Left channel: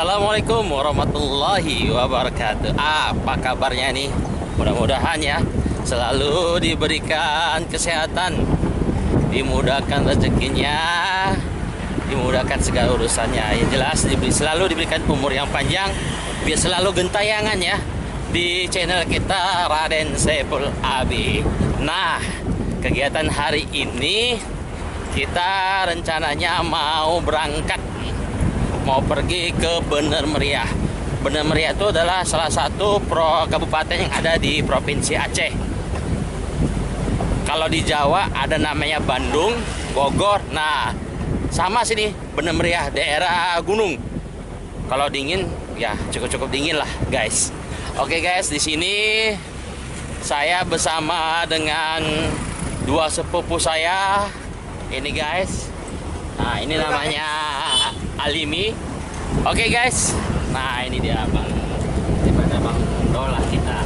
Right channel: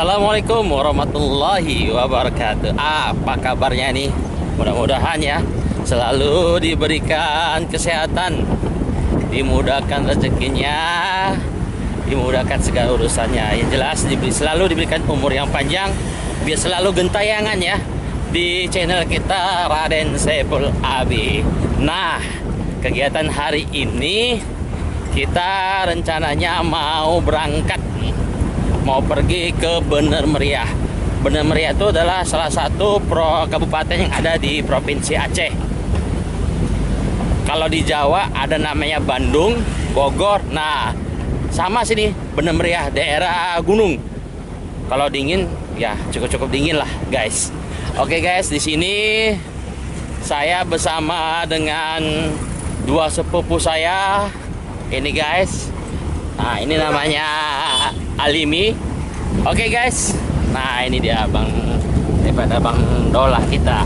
Assalamualaikum warahmatullahi wabarakatuh. Apa kabarnya nih? Mudah-mudahan ya selalu diberikan kesehatan, dimudahkan rezekinya, dimudahkan segala urusannya. Yang jelas selalu diberikan umur yang panjang, biar selalu gentayangan ya di channel kita Raden Saiful Abi. Nah, kegiatan hari ini kita rencananya mau berangkat, mau pergi ke Bener Meriah. Bener Meriah itu adalah salah satu kabupaten yang ada di Provinsi Aceh. Kalau di Jawa ada namanya Bandung, Bogor. Nah, sama sini Bener Meriah, daerah gunung. Kalau dingin ya cukup dingin lah, guys. Oke guys, di sini saya bersama dengan dua sepupu saya. Ini guys. Nah, ini namanya Alimi. Oke guys. Nah, ini dia daripada Bang Dolah kita.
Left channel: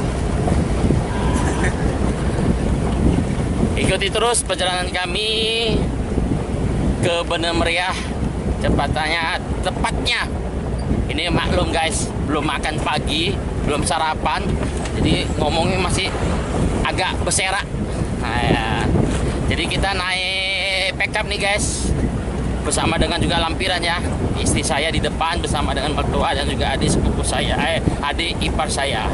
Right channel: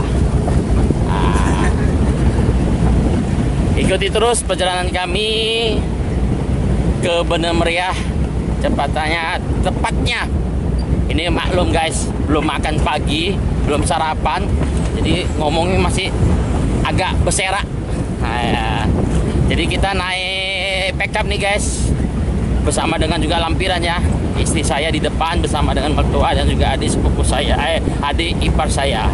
Nah, ikuti terus perjalanan kami ke Bener Meriah. Tepatnya ini maklum guys, belum makan pagi, belum sarapan, jadi ngomongnya masih agak berserak. Nah, ya. Jadi kita naik pickup nih guys, bersama dengan juga lampiran ya. Istri saya di depan bersama dengan mertua dan juga adik sepupu saya, adik ipar saya.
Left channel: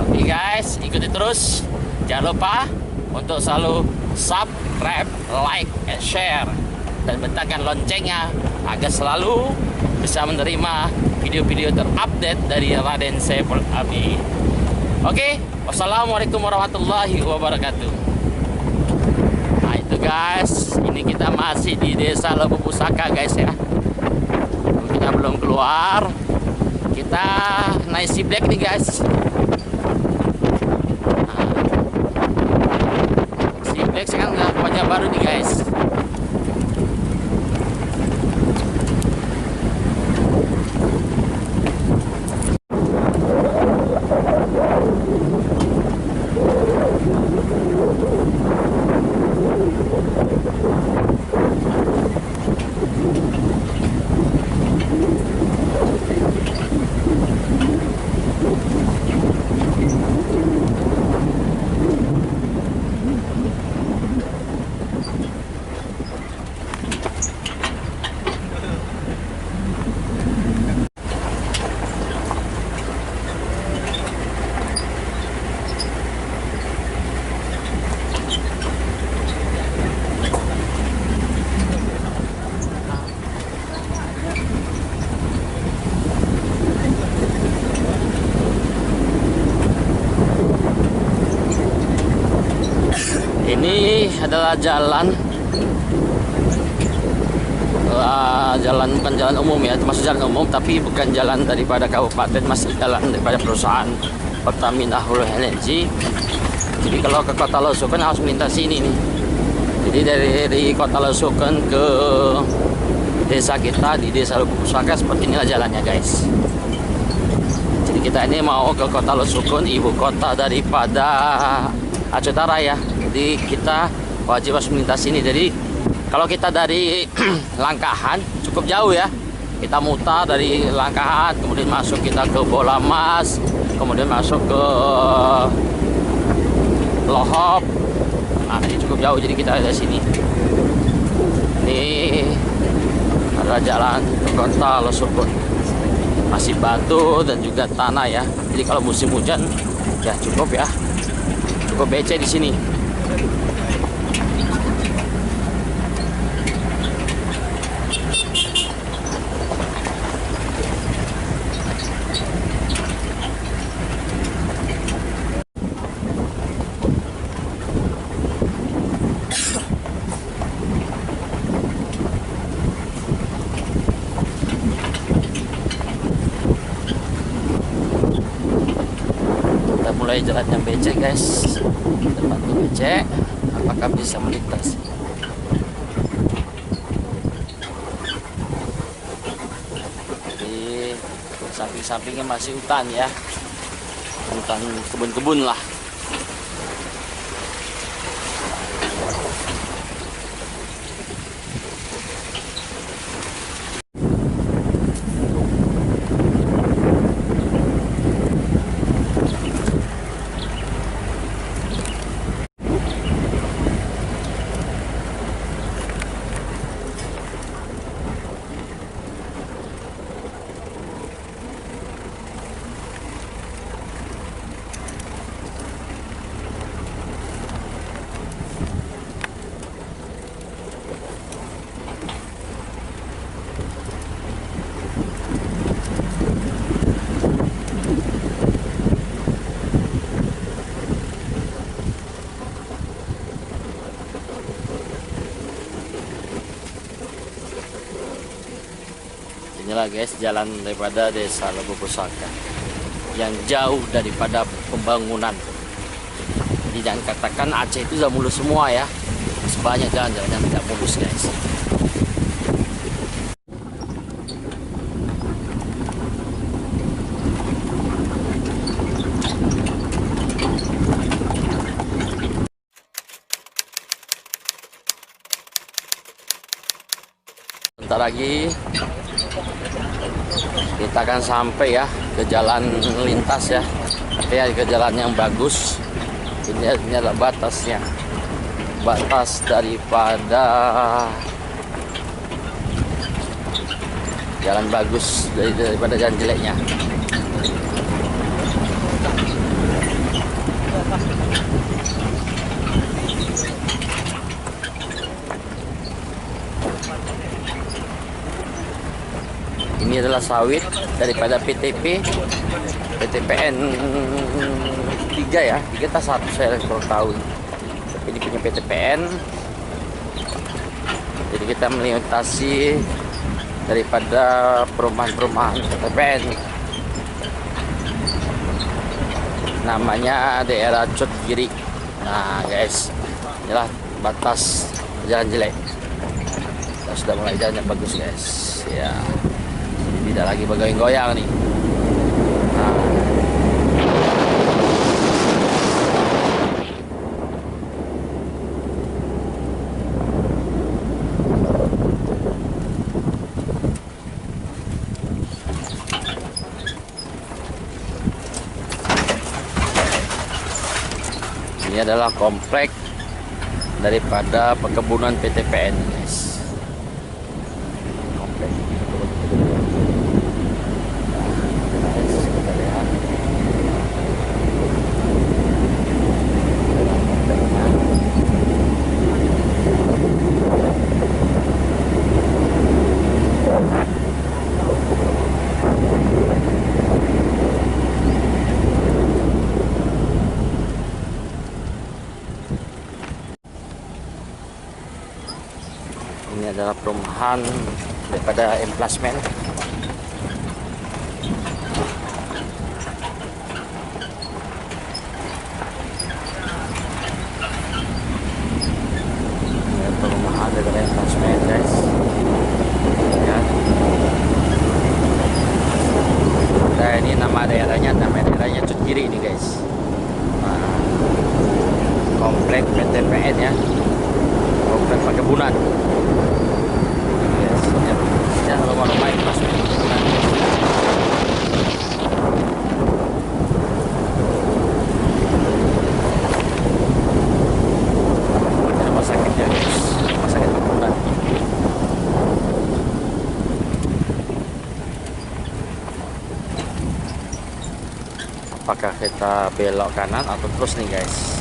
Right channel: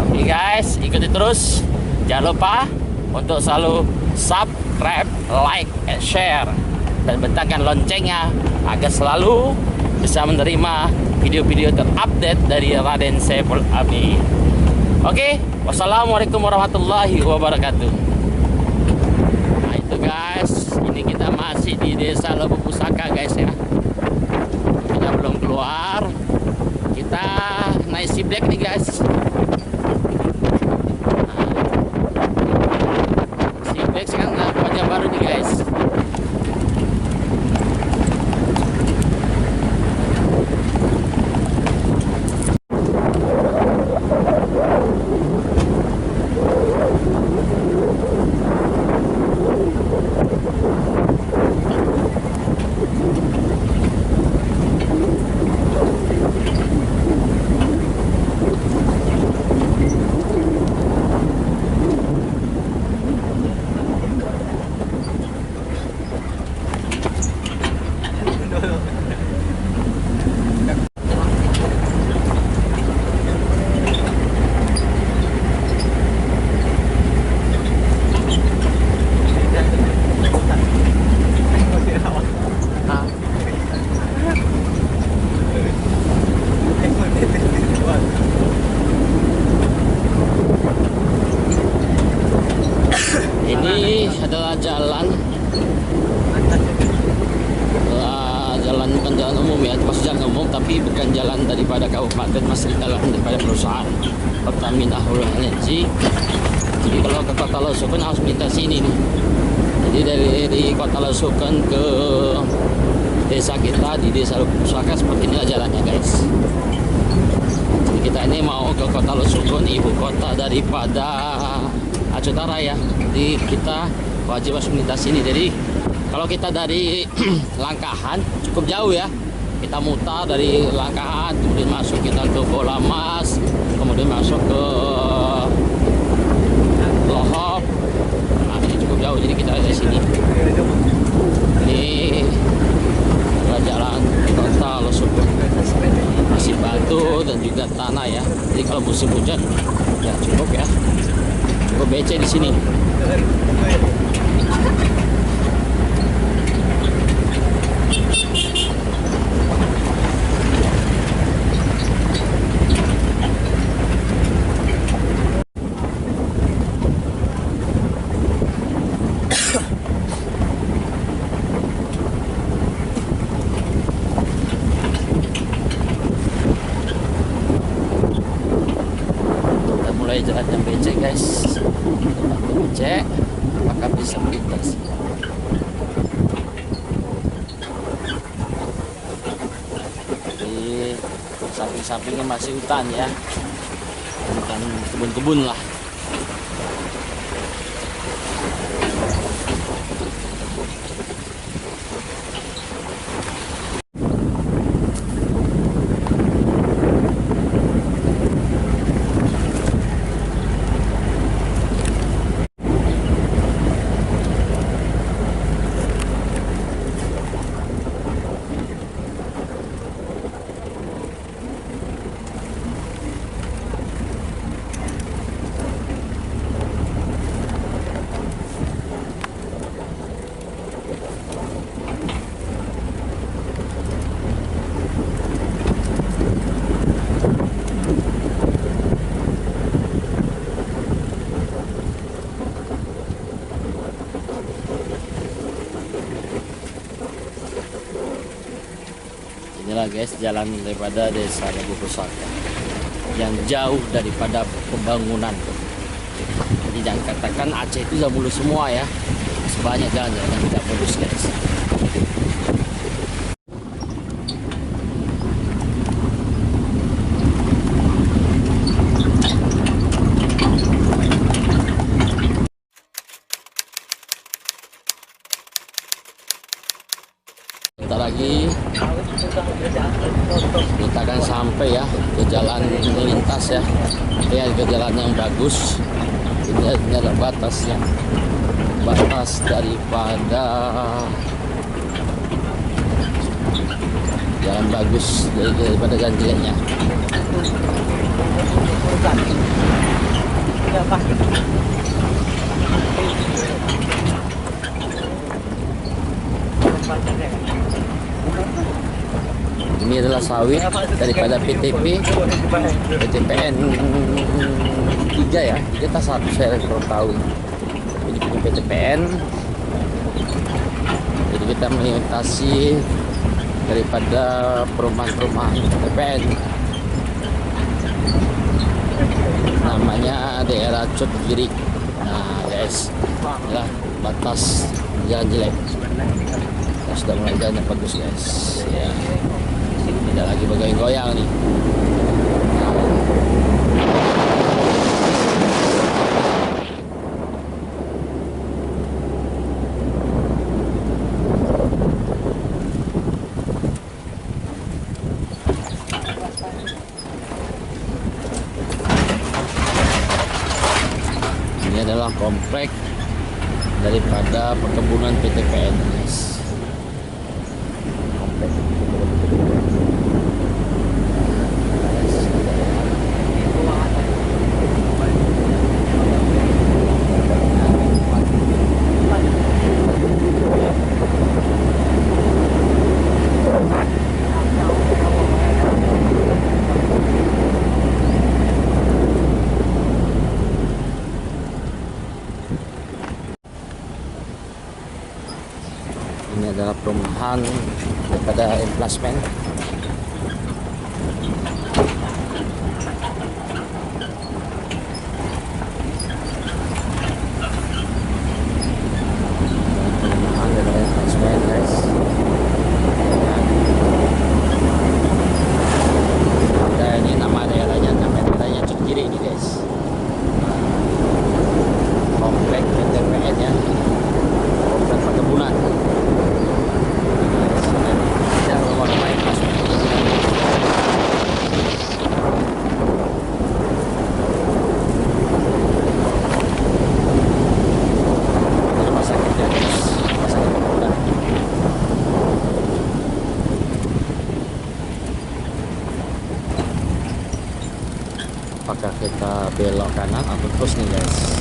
Oke guys, ikuti terus. Jangan lupa untuk selalu subscribe, like, and share, dan bentangkan loncengnya agar selalu bisa menerima video-video terupdate dari Raden Saiful Abi. Oke, wassalamualaikum warahmatullahi wabarakatuh. Nah itu guys, ini kita masih di Desa Lebu Pusaka guys ya. Kita belum keluar. Kita naik si black nih guys. Nah, si black sekarang udah wajah baru nih guys. Ini adalah jalan bukan jalan umum ya, masuk jalan umum tapi bukan jalan daripada kabupaten, masih jalan daripada perusahaan Pertamina Hulu Energy. Jadi kalau ke Kota Losukan harus melintasi ini nih. Jadi dari Kota Losukan ke desa kita di Desa Lebu Pusaka seperti inilah jalannya guys. Jadi kita ini mau ke Kota Losukan, ibu kota daripada Aceh Utara ya. Jadi kita wajib harus melintasi ini. Jadi kalau kita dari Langkahan cukup jauh ya, kita mutar dari Langkahan, kemudian masuk kita ke Bola Mas, kemudian masuk ke Lohop. Nah ini cukup jauh, jadi kita dari sini. Ini adalah jalan ke Kota Losukan, masih batu dan juga tanah ya. Jadi kalau musim hujan ya cukup becek di sini. Kita mulai jalan yang becek guys. Tempat becek, apakah bisa melintas? Di samping-sampingnya masih hutan ya, hutan kebun-kebun lah. Inilah guys jalan daripada Desa Lebo Pusaka yang jauh daripada pembangunan. Jadi jangan katakan Aceh itu sudah mulus semua ya. Sebanyak jalan-jalan yang tidak mulus guys. Bentar lagi kita akan sampai ya ke jalan lintas ya. Ini ke jalan yang bagus. Ini adalah batasnya. Batas daripada jalan bagus daripada jalan jeleknya. Ini adalah sawit daripada PTPN 3 ya. 3 tak 1 saya kurang tahu. Tapi ini punya PTPN. Jadi kita melintasi daripada perumahan-perumahan PTPN. Namanya daerah Cot Giri. Nah guys, inilah batas jalan jelek. Kita sudah mulai jalan yang bagus guys. Ya. Tidak lagi bergoyang-goyang nih. Nah. Ini adalah komplek daripada perkebunan PTPN guys. Komplek perkebunan PTPN. Ini adalah perumahan daripada emplasmen. Ini perumahan daripada emplasmen guys. Lihat. Nah, ini nama daerahnya Cot Giri ini guys. Nah, komplek PTPN ya. Komplek perkebunan. Ya, rumah-rumah yang pas perkebunan guys. Ini rumah sakitnya guys, rumah sakit perkebunan. Apakah kita belok kanan atau terus nih guys?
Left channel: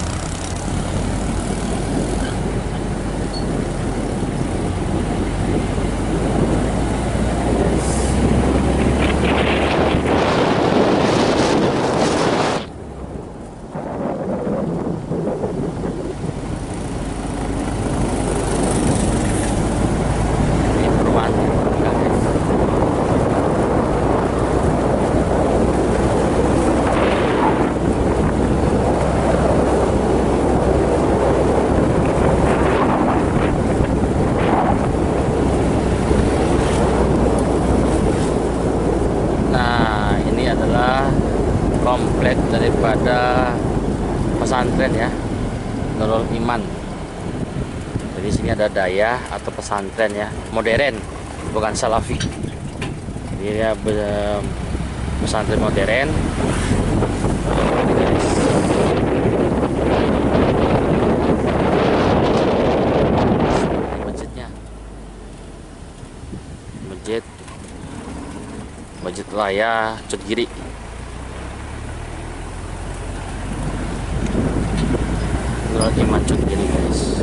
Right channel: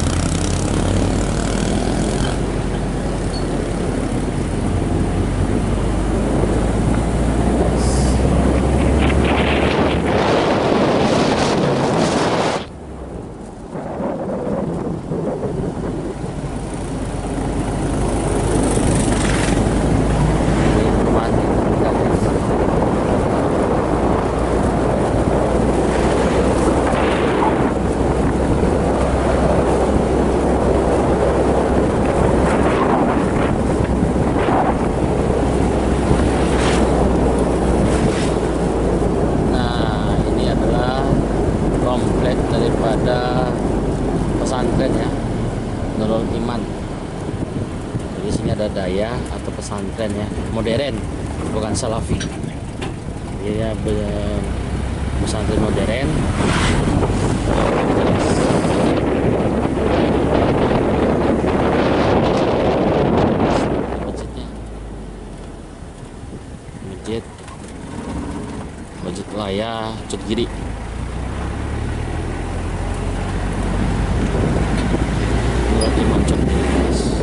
Komplek daripada pesantren ya, Nurul Iman. Jadi sini ada daya atau pesantren ya, modern, bukan salafi. Dia pesantren modern. Masjidnya, masjid Raya Cot Giri. Iman Cot Giri guys.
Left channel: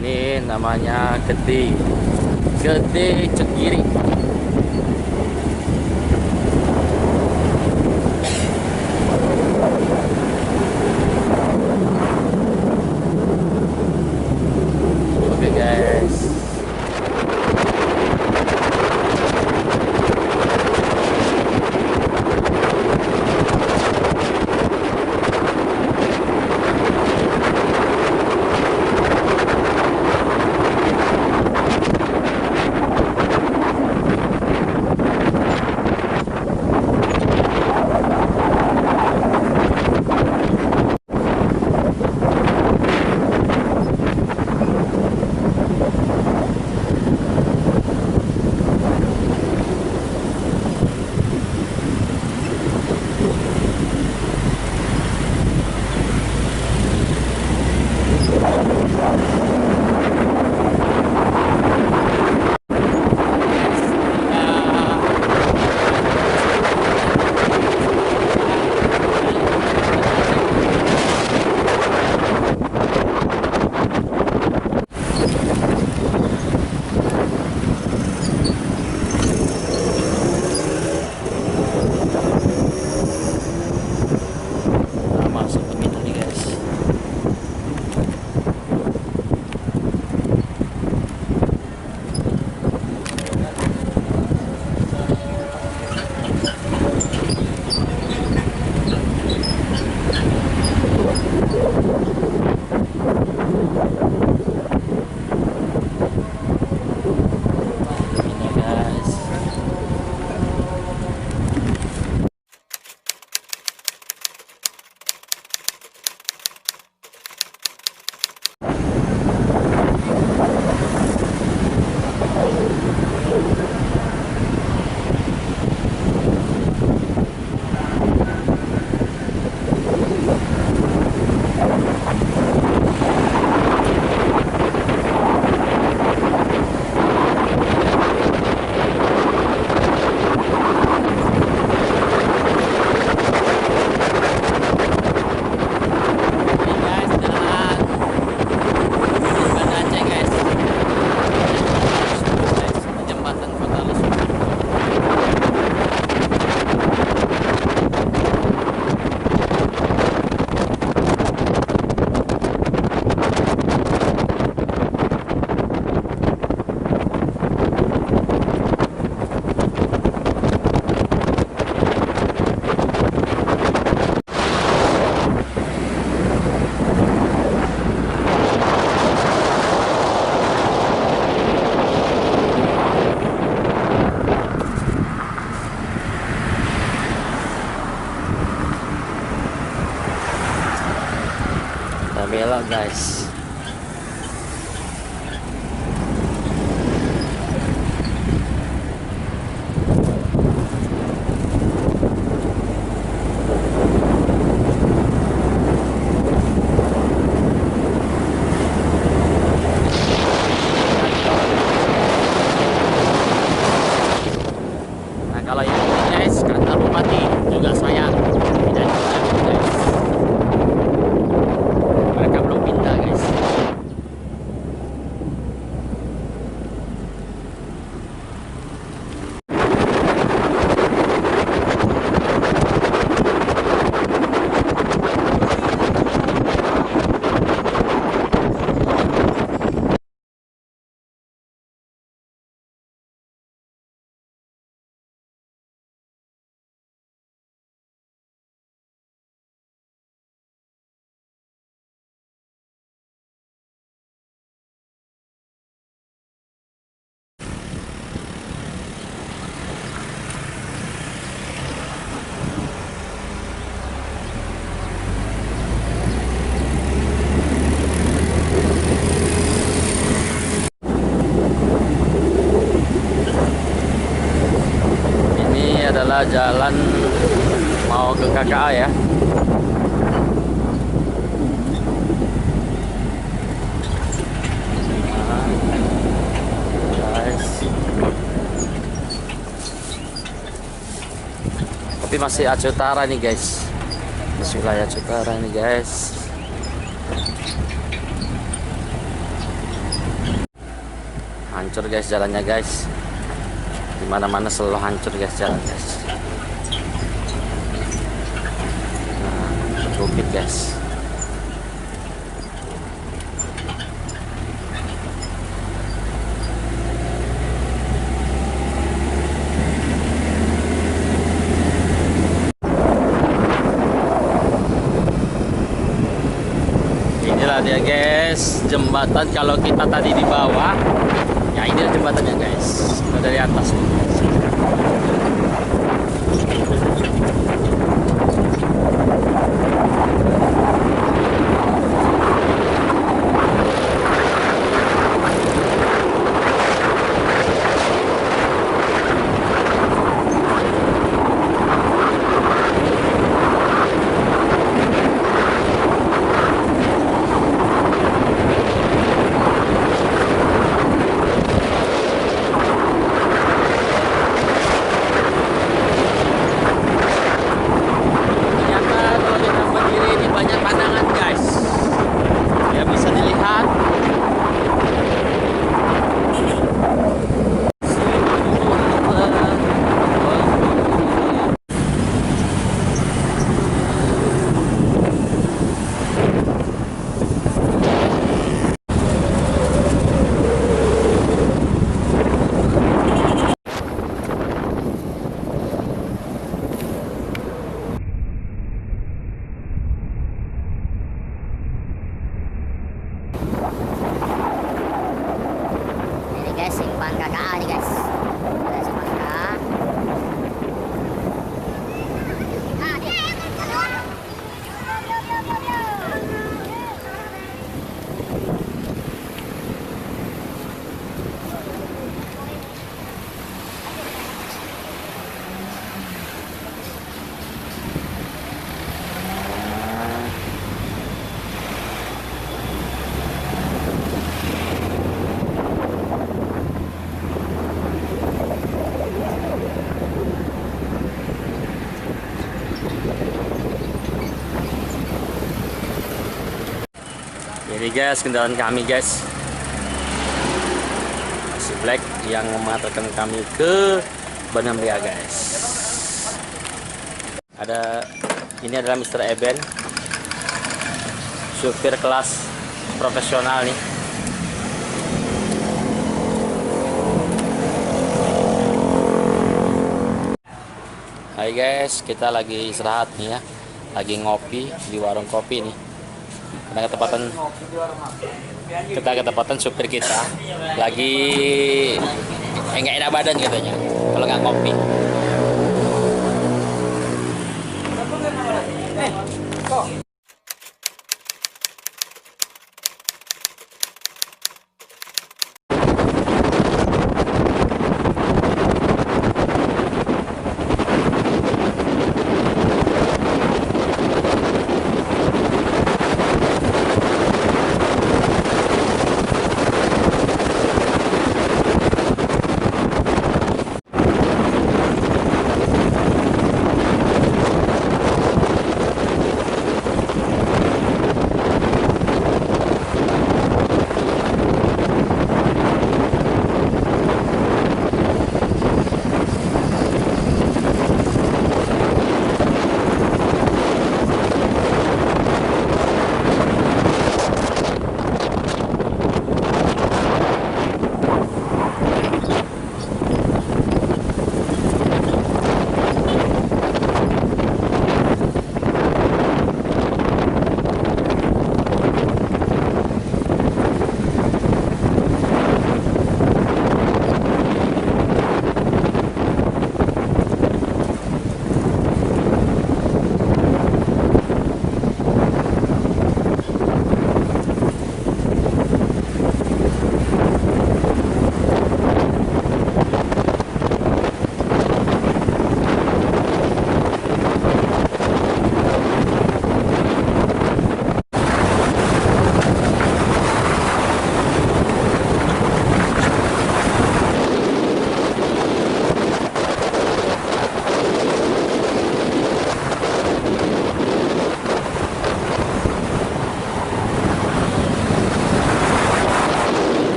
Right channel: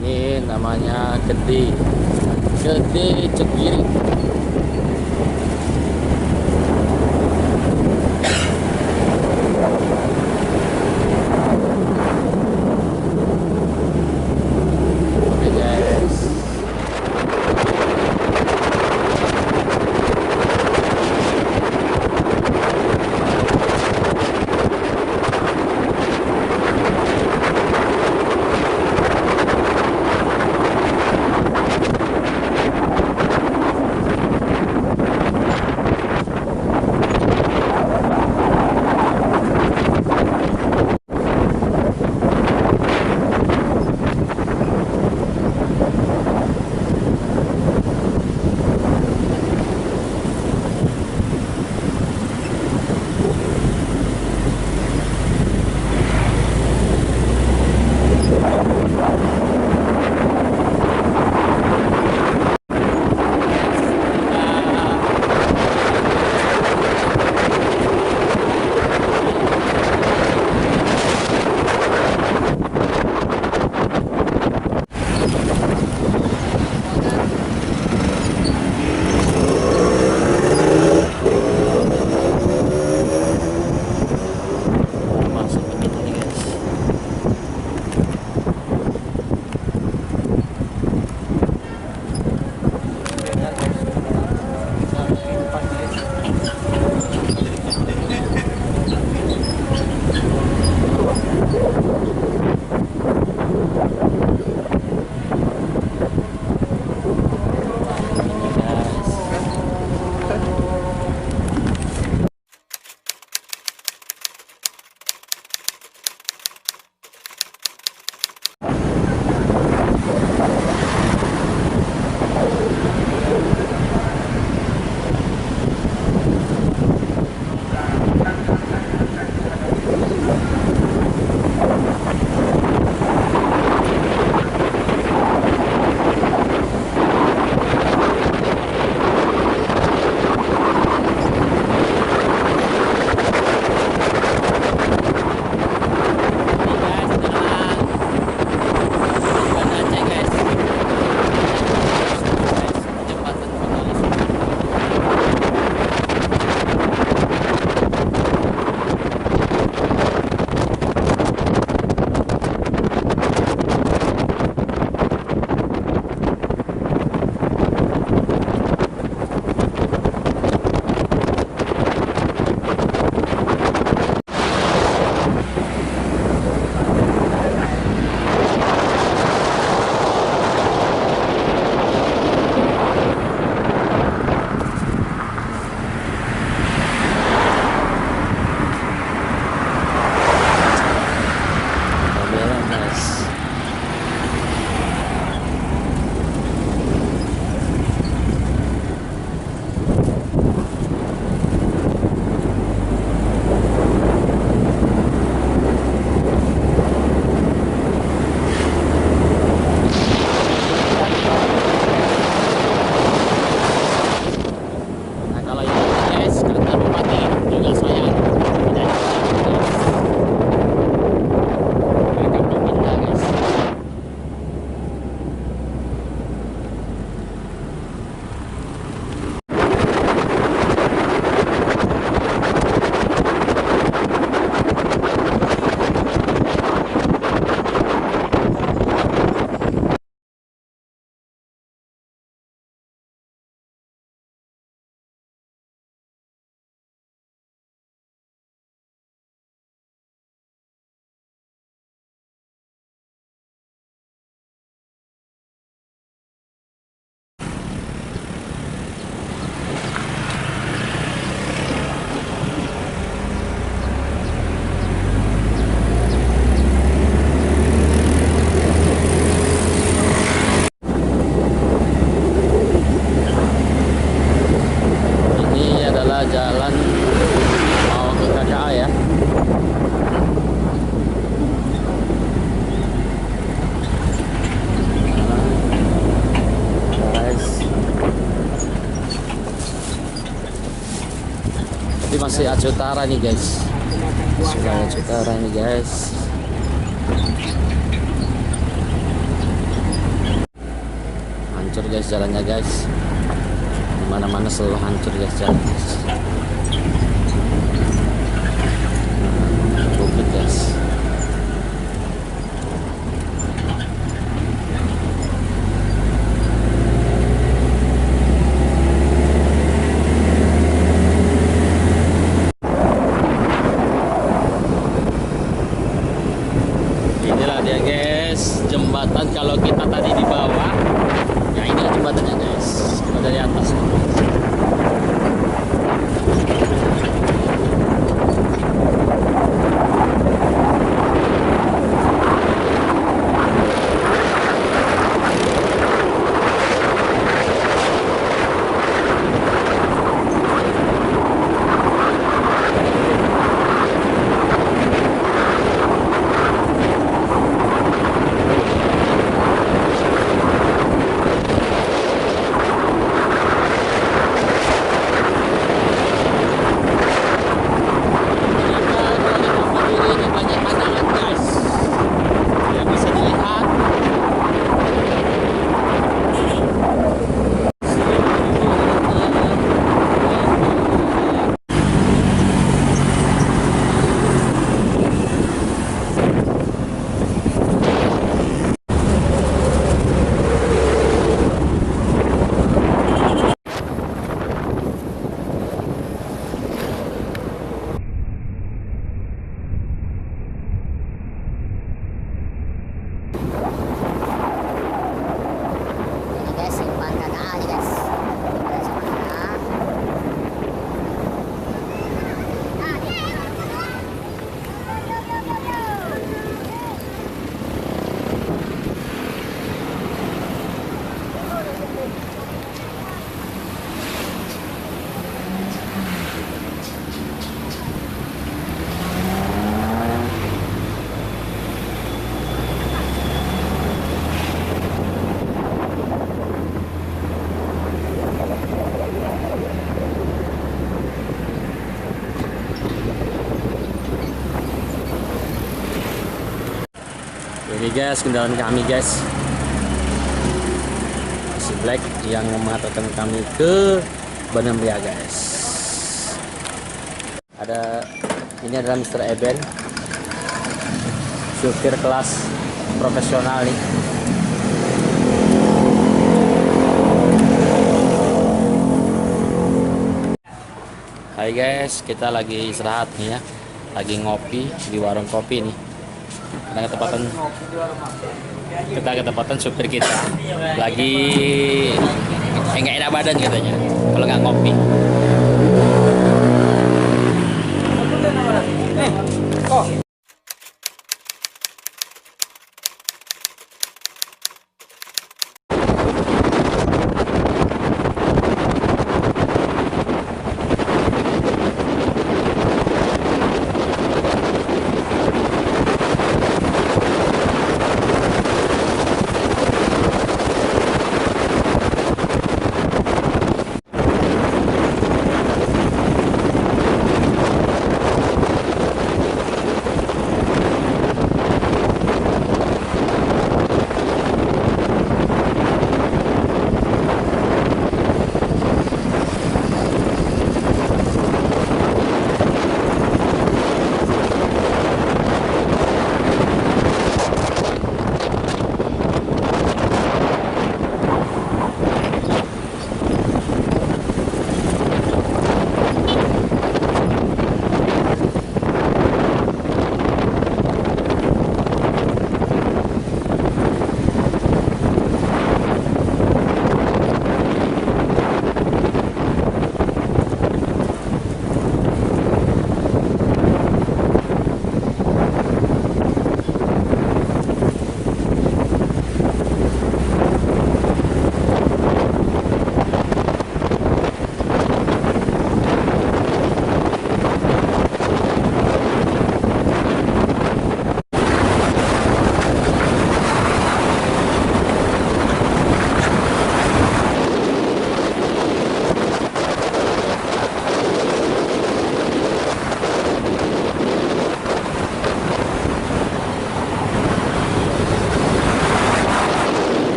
Ini namanya Gede Cot Giri. Oke guys. guys. Nah kalau yang ini guys, kantor bupati juga sayang tidak dibangun guys. Mereka belum pindah guys. Ini adalah jalan mau ke KKA ya. Guys, tapi masih Aceh Utara nih guys, wilayah Aceh Utara nih guys. Hancur guys jalannya guys, dimana-mana selalu hancur guys jalan guys. Bukit guys. Inilah dia guys, jembatan. Kalau kita tadi di bawah, ya ini jembatannya guys. Kita dari atas nih guys. Guys, simpang KKA nih guys. Ada simpang KKA. Ini guys kendaraan kami guys, si Black yang mengantarkan kami ke Bandar Meriah guys. Ini adalah Mr. Eben, supir kelas profesional nih. Hai guys, kita lagi istirahat nih ya, lagi ngopi di warung kopi nih. Karena ketepatan supir kita lagi nggak enak badan katanya kalau nggak ngopi.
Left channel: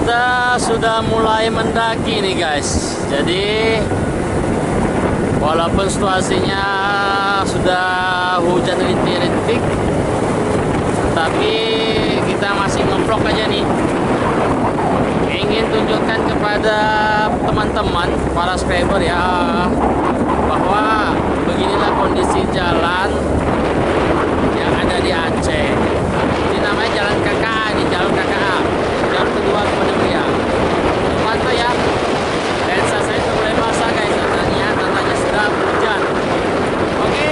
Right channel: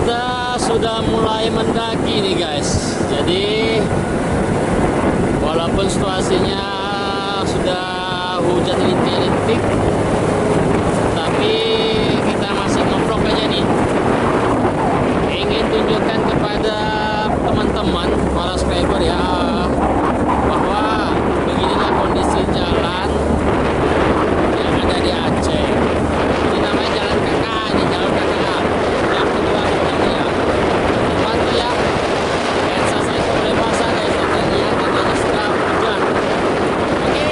kita sudah mulai mendaki nih guys. Jadi walaupun situasinya sudah hujan rintik-rintik, tapi kita masih ngeblok aja nih. Ingin tunjukkan kepada teman-teman para subscriber ya, bahwa beginilah kondisi jalan yang ada di Aceh. Ini namanya Jalan KKA nih, Jalur KKA, jalur kedua ke Benemria. Pantau ya, lensa saya sudah mulai basah guys, tandanya sudah hujan. Oke.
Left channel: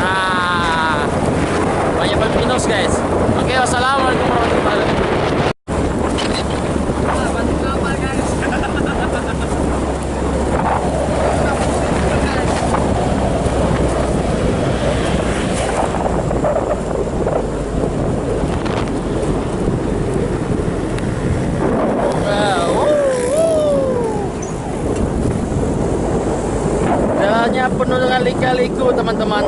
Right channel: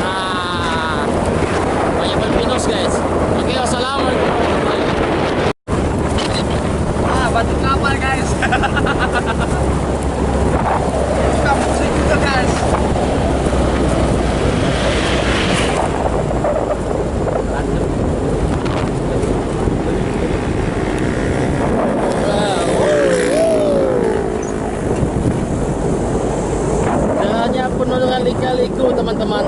Nah, banyak pinus guys. Oke, wassalamualaikum warahmatullahi wabarakatuh. Batu kapal guys. Sudah pusing juga guys. Jalannya penuh dengan lika-liku teman-teman.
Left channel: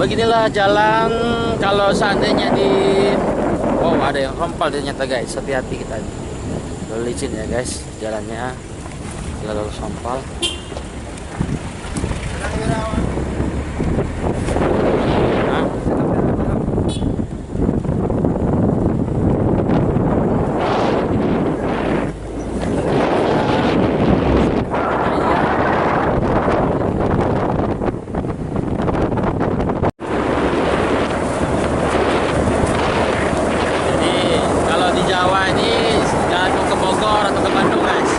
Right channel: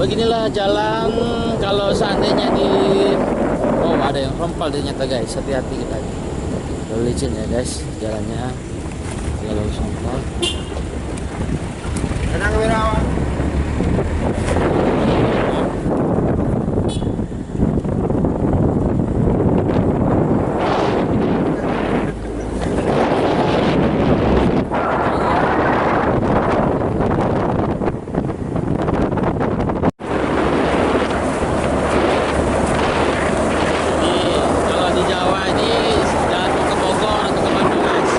Beginilah jalan kalau seandainya wow, ada yang rompal ternyata guys, hati-hati kita. Lalu licin ya guys jalannya, lalu rompal. Tenang Wirawan. Nah. Di Jawa ini jalan mau ke Bogor atau ke Bandung guys.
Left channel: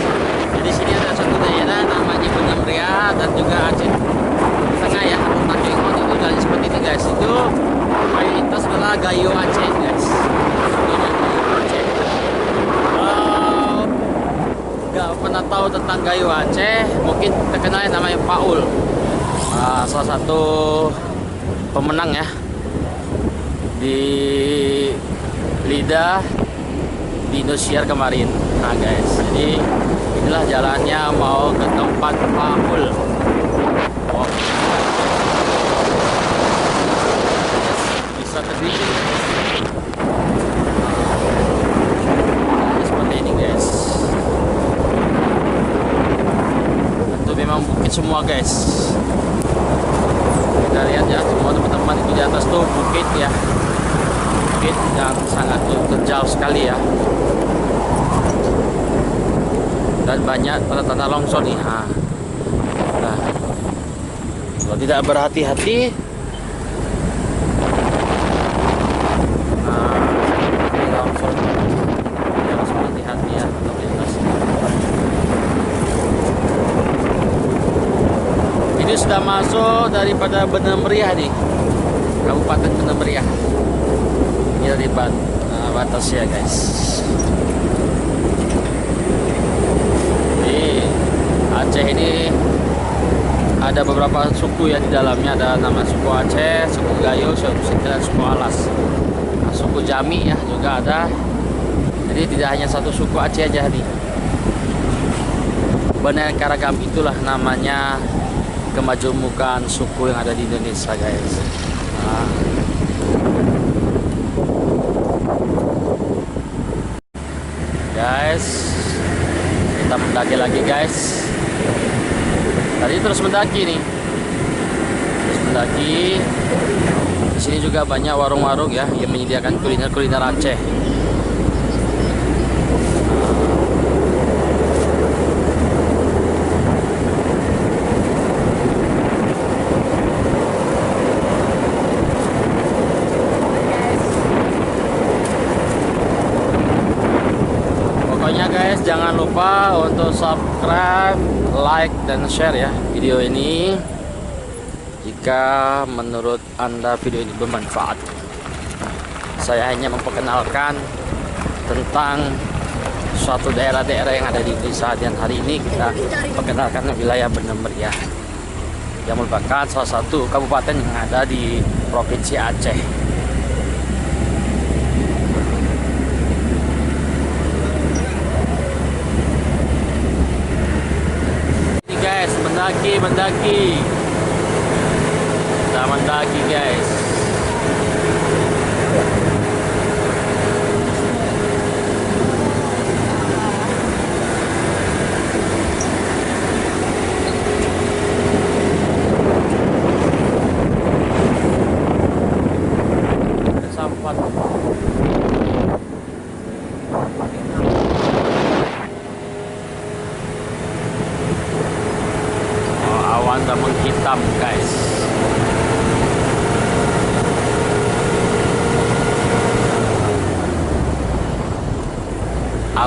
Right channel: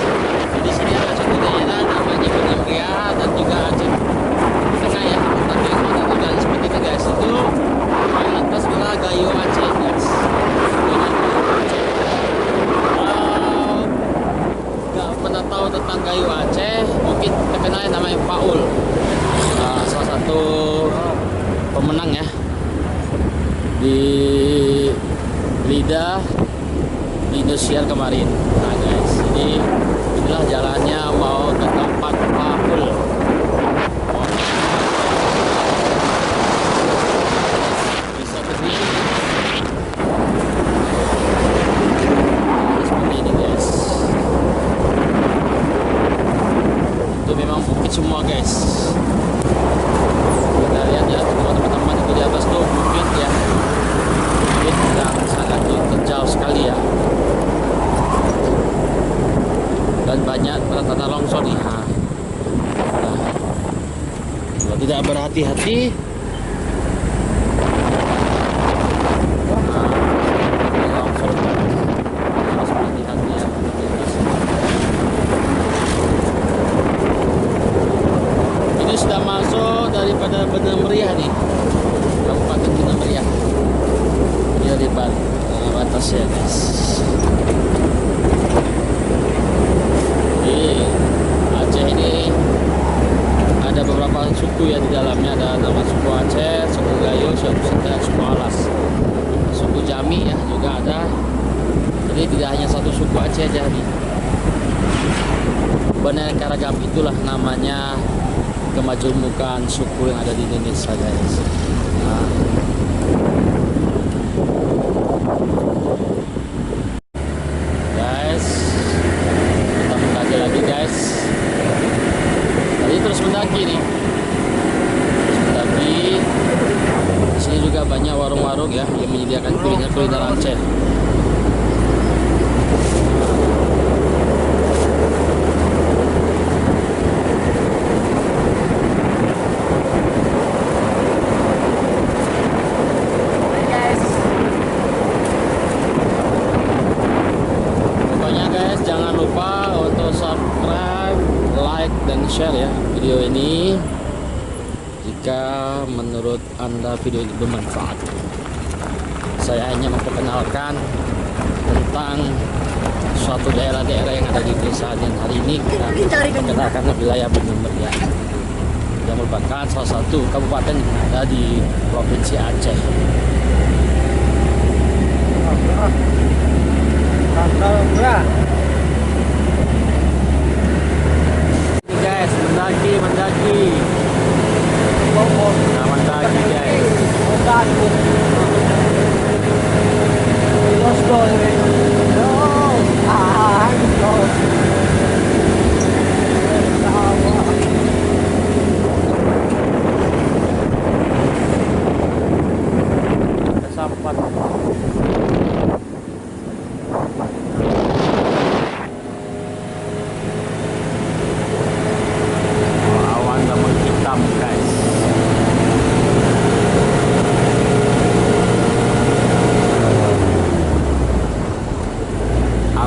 Jadi sini ada satu daerah namanya Benemria dan juga Aceh Tengah ya, atau Takengon, itu jalan seperti ini guys. Itu mayoritas adalah Gayo Aceh guys. Contohnya Gayo Aceh. Kalau nggak pernah tahu tentang Gayo Aceh, mungkin terkenal namanya Paul. Salah satu pemenang ya di Lidah di Indosiar kemarin. Nah guys, jadi inilah jalannya mau ke tempat Paul. Wow, bisa tergelincir ya. Nah, seperti ini guys. Itu memang bukit semua guys. Kita lihat ya, semua teman-teman itu di atas tuh bukit ya. Bukit yang sangat terjal sekali ya. Dan banyak tanda-tanda longsor nih. Nah, kalau tidak berhati-hati, ini longsor. Harus berhati-hati ya untuk di atas. Ini sudah masuk daripada Benemria nih, Kabupaten Benemria. Ini dari batas ya guys. Di Aceh ini ada beberapa suku ya di dalamnya. Ada nama suku Aceh, suku Gayo, suku Sinta, suku Alas. Nah, suku Jami ya juga ada. Jadi tidak hanya satu suku Aceh aja nih. Beraneka ragam, itulah namanya kemajemukan suku yang ada di Indonesia guys. Nah. Guys, kita mendaki lagi guys. Tadi terus mendaki nih, terus mendaki. Di sini juga banyak warung-warung ya yang menyediakan kuliner Aceh. Pokoknya guys, jangan lupa untuk subscribe, like, dan share ya video ini jika menurut Anda video ini bermanfaat. Saya hanya memperkenalkan tentang suatu daerah-daerah yang ada di Indonesia, dan hari ini kita perkenalkan wilayah Benemria yang merupakan salah satu kabupaten yang ada di Provinsi Aceh. Ini guys, mendaki. Kita mendaki guys.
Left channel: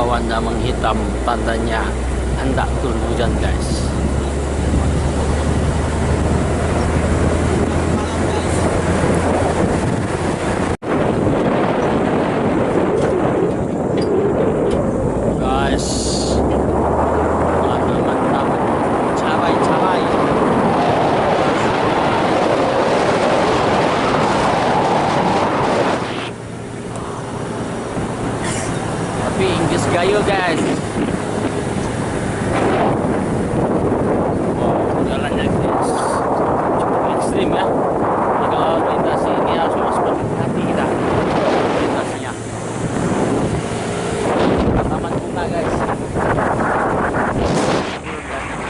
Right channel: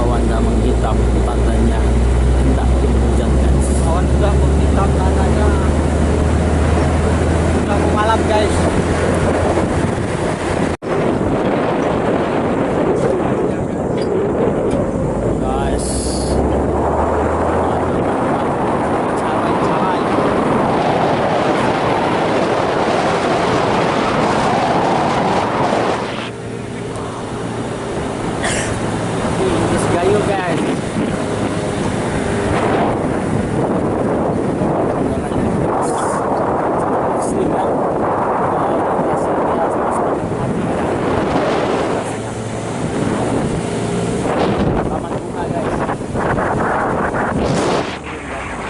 awan dah menghitam, tandanya hendak turun hujan guys. Awan sudah menghitam tanahnya. Sudah mau malam guys. Guys, mana mantap, cabai. Tapi Inggris gayo guys. Jalannya cukup ekstrim ya. Jadi kalau melintasi ini harus berhati-hati kita melintasinya. Taman bunga guys. Belum datang.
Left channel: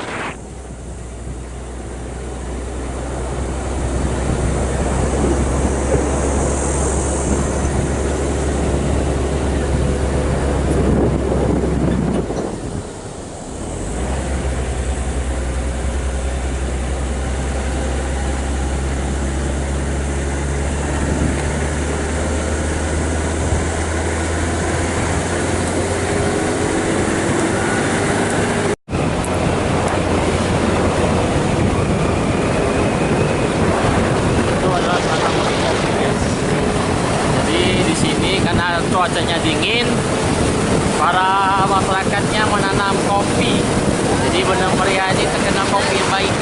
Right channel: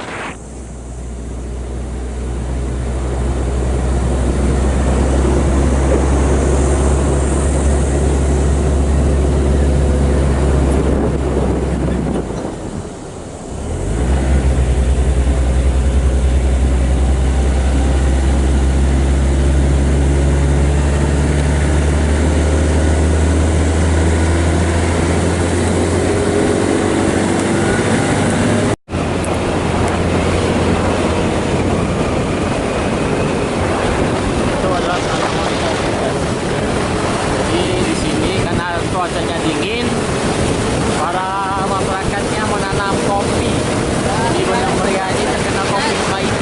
Adalah tanaman kopi guys. Jadi di sini karena cuacanya dingin, para masyarakatnya menanam kopi. Jadi Benar Meriah ini terkenal kopi yang baik.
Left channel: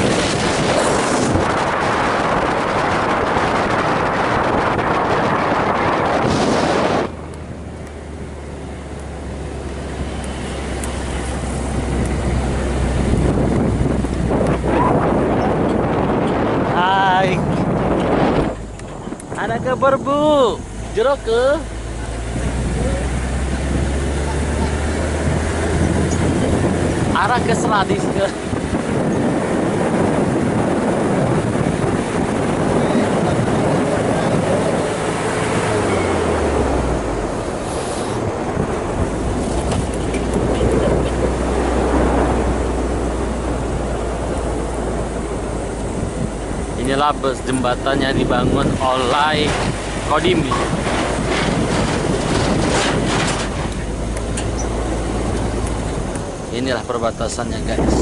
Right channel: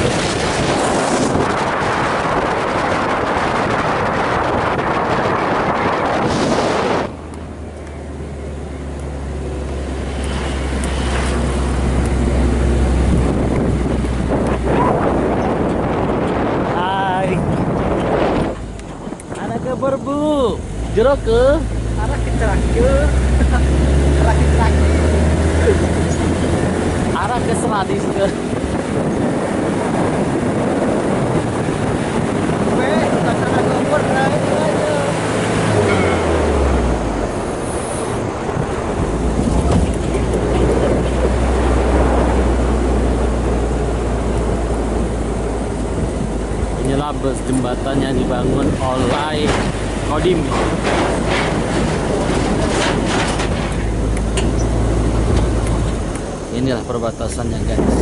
Hai. Anak ke berbu, jeruk ke? Arah ke Seladis ke? Inilah bus jembatan yang dibangun oleh Kodim. Inilah perbatasannya guys.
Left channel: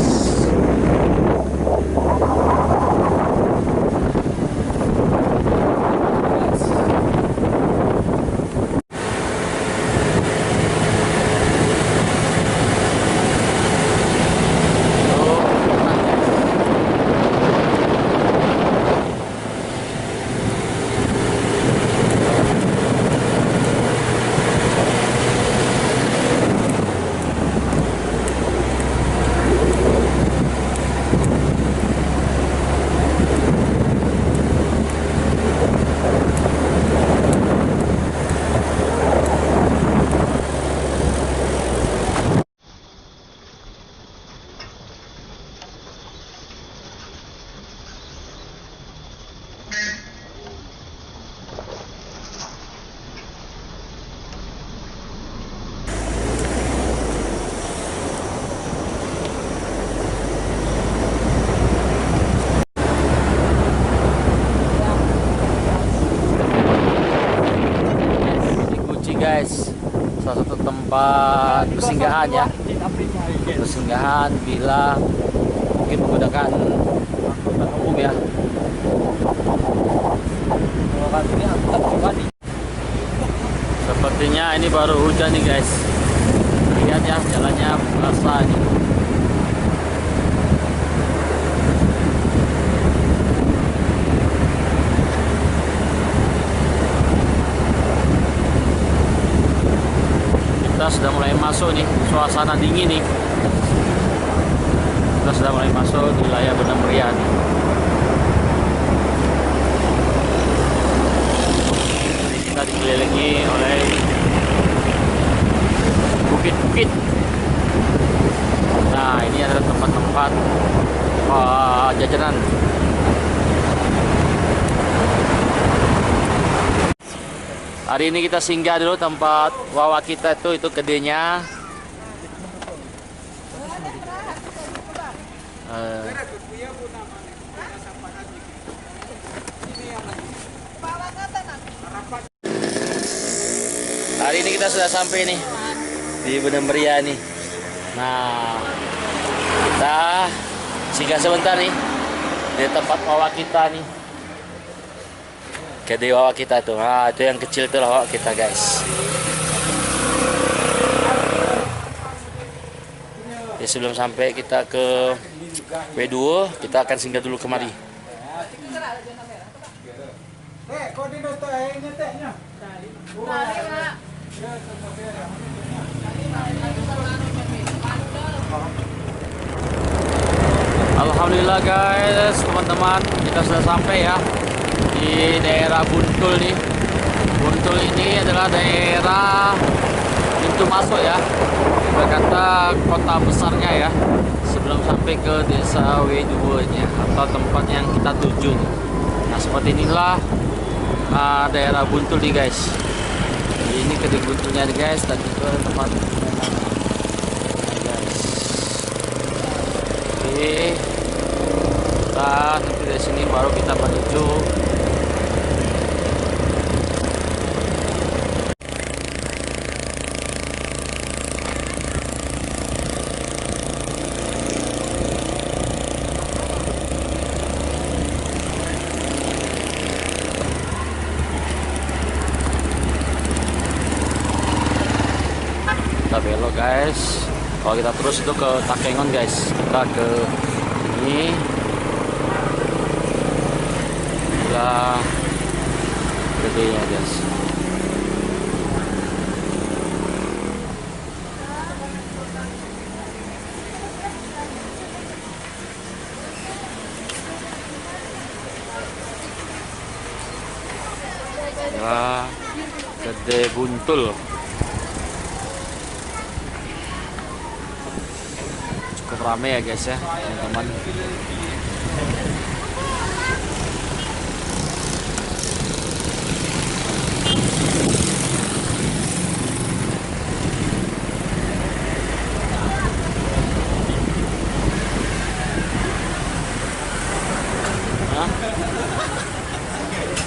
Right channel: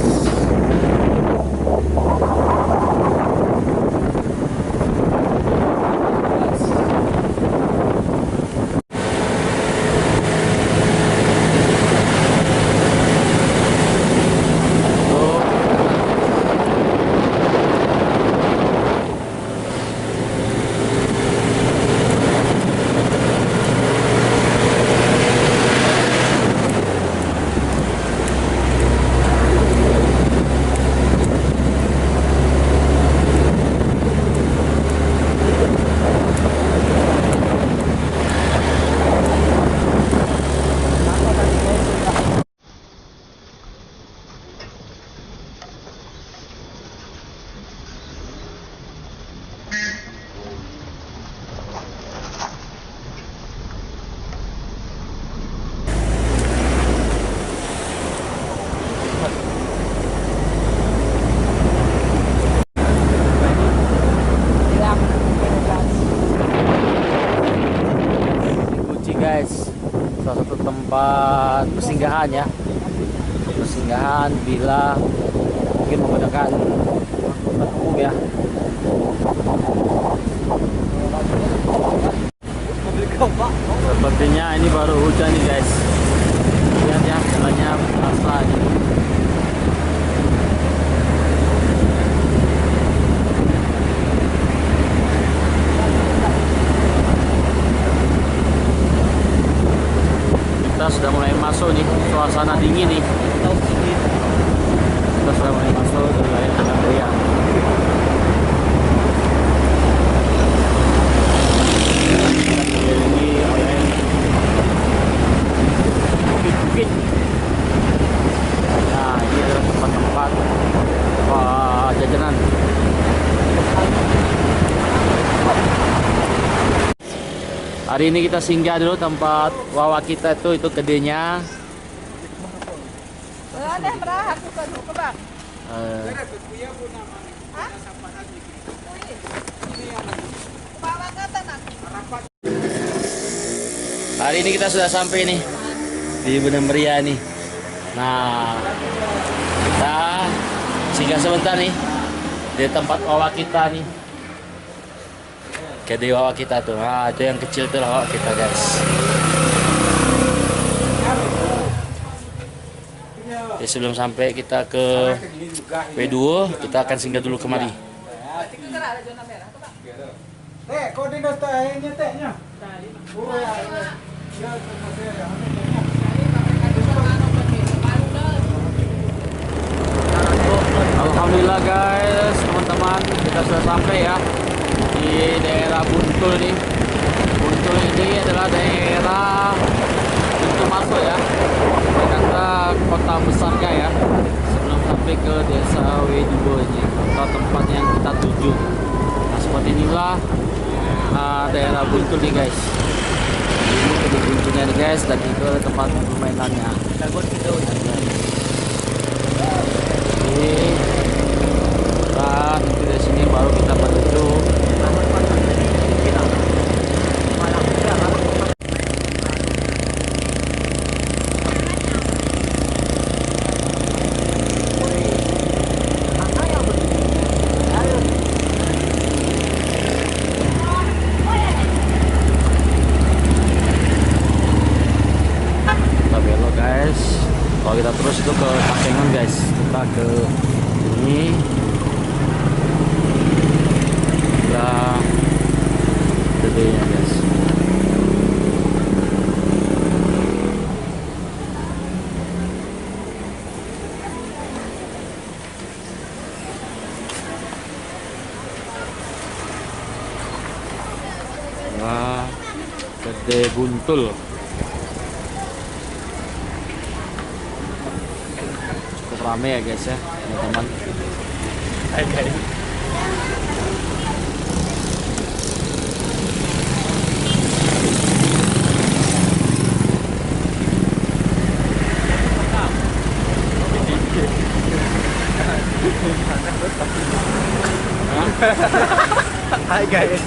Guys, salah satu tempat persinggahan ya, persinggahan bila mungkin menggunakan angkutan umum ya. Sepertinya ini baru hujan nih guys, lihat ya jalannya basah nih. Kita sudah mulai masuk nih, suasana dingin nih. Kita sudah mulai masuk di wilayah Benar Meriah. Kita dikelilingi oleh bukit-bukit. Nah, ini adalah tempat-tempat jajanan. Hari ini kita singgah dulu tempat wawa kita itu gedenya. Hari ini kita sudah sampai nih di Benang Meriah nih. Nah, kita singgah sebentar nih di tempat wawak kita nih. Gede wawak kita tuh. Nah, itu yang kecil tuh wawak kita, guys. Ya, sebelum sampai kita ke W2, kita akan singgah dulu kemari. Alhamdulillah guys, teman-teman, kita sudah sampai ya di daerah Buntul nih. Buntul ini adalah daerah pintu masuk ya, kita kata kota besarnya ya, sebelum sampai ke desa W2 nya atau tempat yang kita tuju. Nah, seperti inilah daerah Buntul nih guys. Ini kedua Buntulnya nih guys, dan itu ada tempat permainannya. Oke, kita nanti dari sini baru kita menuju belok guys. Kalau kita terus itu ke Takengon guys, kita ke ini lah gedenya guys. Wah, Gede Buntul. Rame ya guys ya, teman-teman. Hai guys.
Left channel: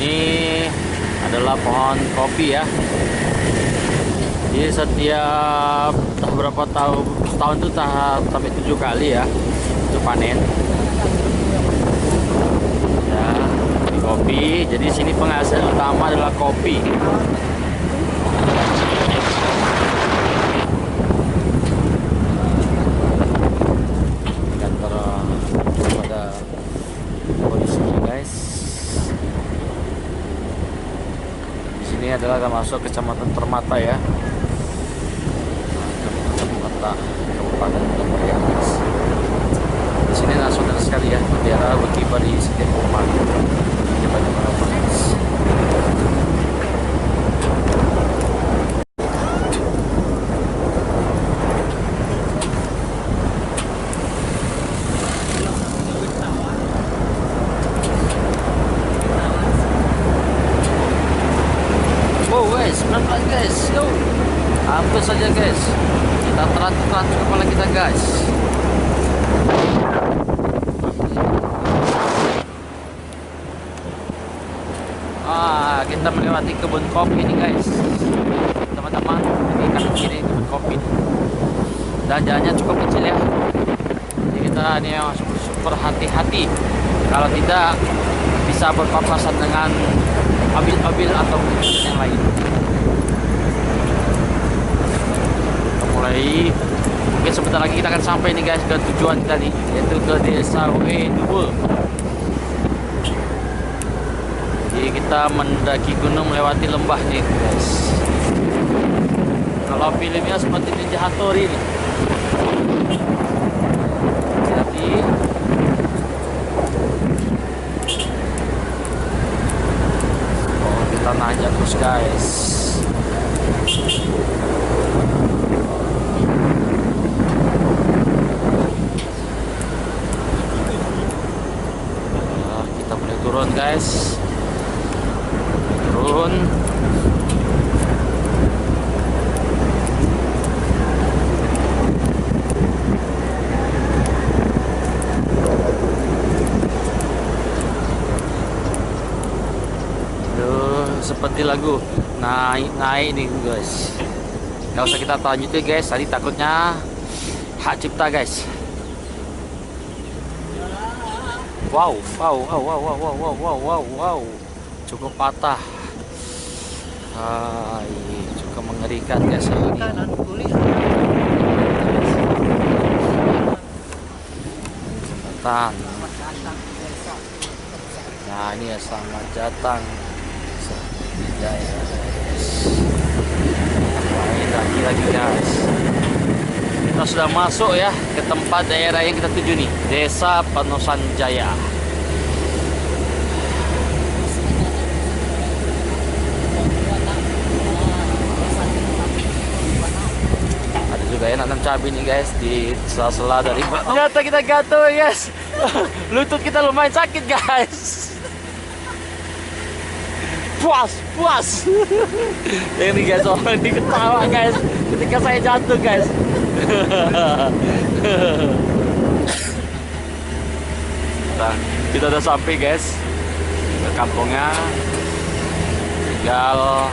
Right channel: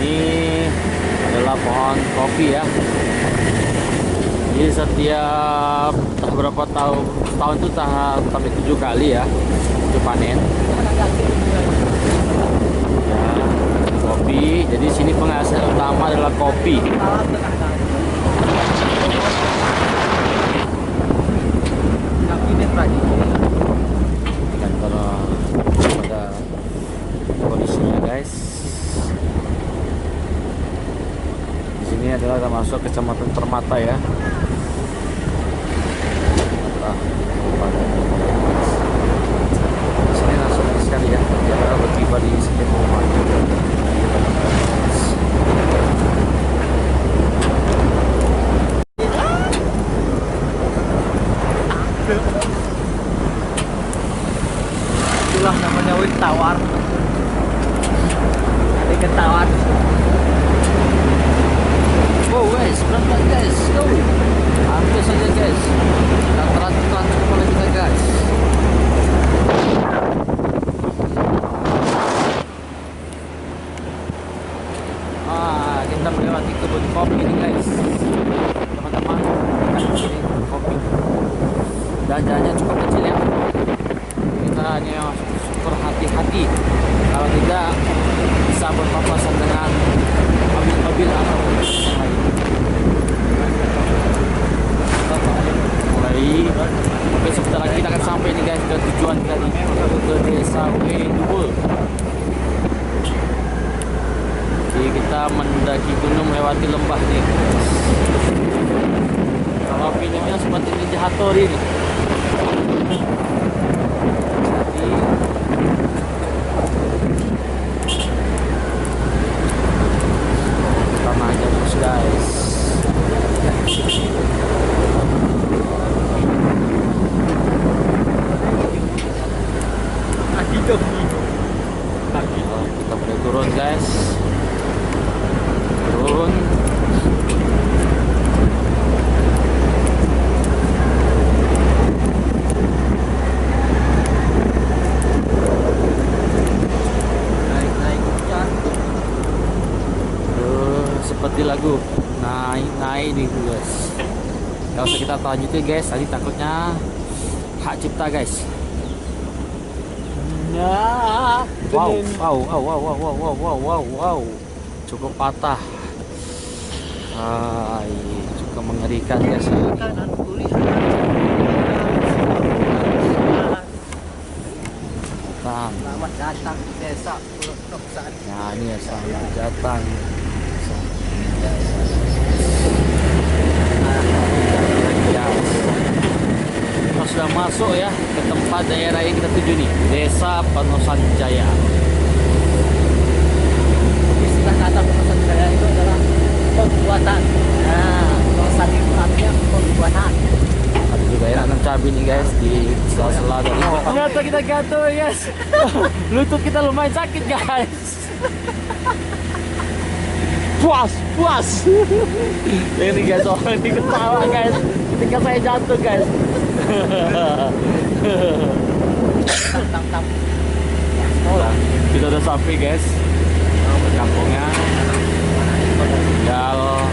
Ini adalah pohon kopi ya. Jadi setiap berapa tahun tuh sampai 7 kali ya itu panen. Ya, kopi. Jadi sini penghasil utama adalah kopi. Kantor pada polisinya guys. Di sini adalah termasuk kecamatan Permata ya. Permata, Kabupaten Benang Meriah guys. Di sini nasional sekali ya, bendera berkibar di setiap rumah di banyak orang guys. Itulah namanya wit tawar. Ikan tawar. Wow guys, pelan-pelan guys, go. Hampir saja guys. Kita terantuk kepala kita guys. Kita melewati kebun kopi ini guys. Teman-teman, ini kan kiri kebun kopi. Dan jalannya cukup kecil ya. Jadi kita ini super hati-hati. Kalau tidak bisa berpapasan dengan mobil atau yang lain. Kita mulai, mungkin sebentar lagi kita akan sampai nih guys ke tujuan kita nih, yaitu ke desa W2. Jadi kita mendaki gunung melewati lembah nih guys. Kalau filmnya seperti Ninja Hattori nih. terus guys. Kita mulai turun guys. Turun. Seperti lagu naik nih guys. Gak usah kita lanjutin guys, tadi takutnya hak cipta guys. Wow, cukup patah. Cukup mengerikan guys. Kanan tulisan. Jembatan. Selamat datang di desa Pulau Sari. Nah ini ya, selamat datang. Ini lagi guys. Kita sudah masuk ya ke tempat daerah yang kita tuju nih, Desa Penosan Jaya. Istilah kata Penosan Jaya itu adalah pembuatan. Nah, Penosan itu artinya pembuatan. Ada juga ya nanam cabai nih guys di sela-sela dari. Ternyata kita gatel guys. Lutut kita lumayan sakit guys. Puas. Ini guys, orang ini ketawa guys ketika saya jatuh guys. Nah, kita udah sampai guys ke kampungnya. Tinggal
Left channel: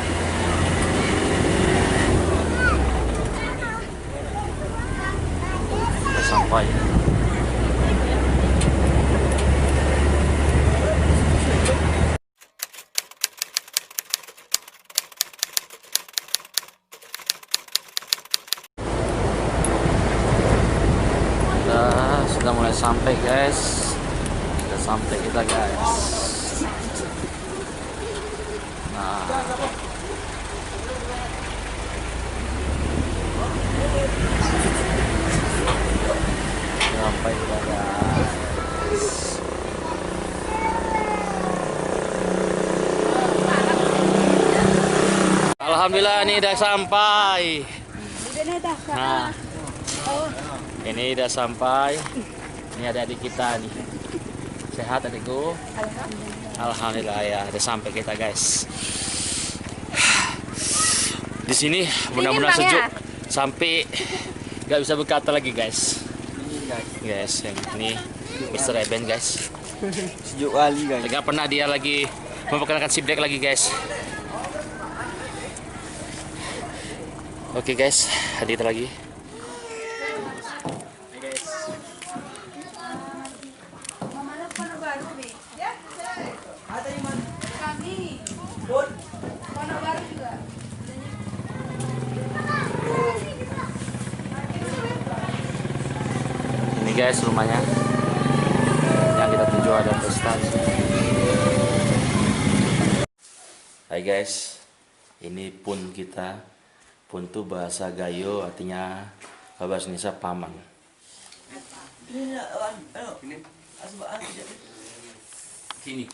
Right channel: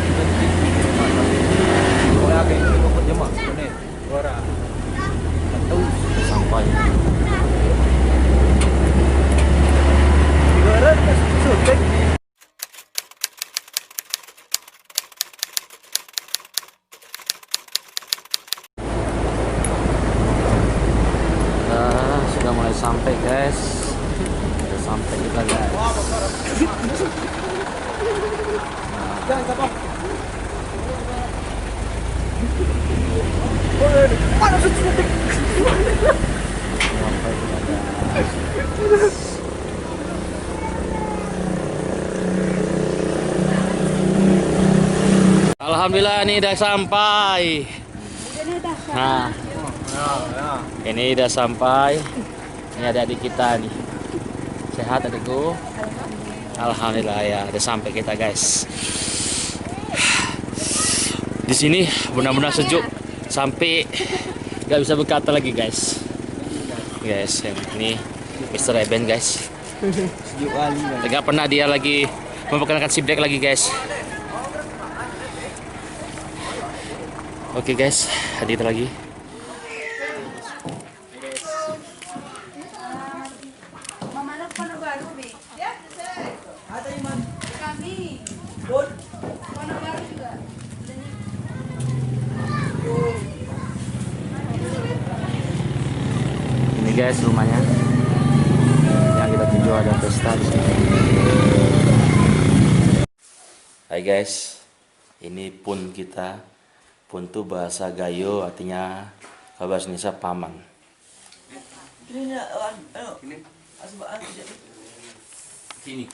kita sampai. Sudah mulai sampai guys. Sudah sampai kita guys. Nah. Sampai kita guys. Alhamdulillah ini udah sampai. Nah, ini udah sampai. Ini ada adik kita nih. Sehat adikku? Alhamdulillah ya, udah sampai kita guys. Di sini benar-benar sejuk sampai nggak bisa berkata lagi guys. Guys, yang ini Mr. Eben guys. Sejuk kali guys. Nggak pernah dia lagi memperkenalkan si Black lagi guys. Oke guys, ada kita lagi. Ini guys rumahnya yang kita tuju, ada pesta di sini. Hai guys, ini pun kita. Pun itu bahasa Gayo artinya bahasa Indonesia paman. Ini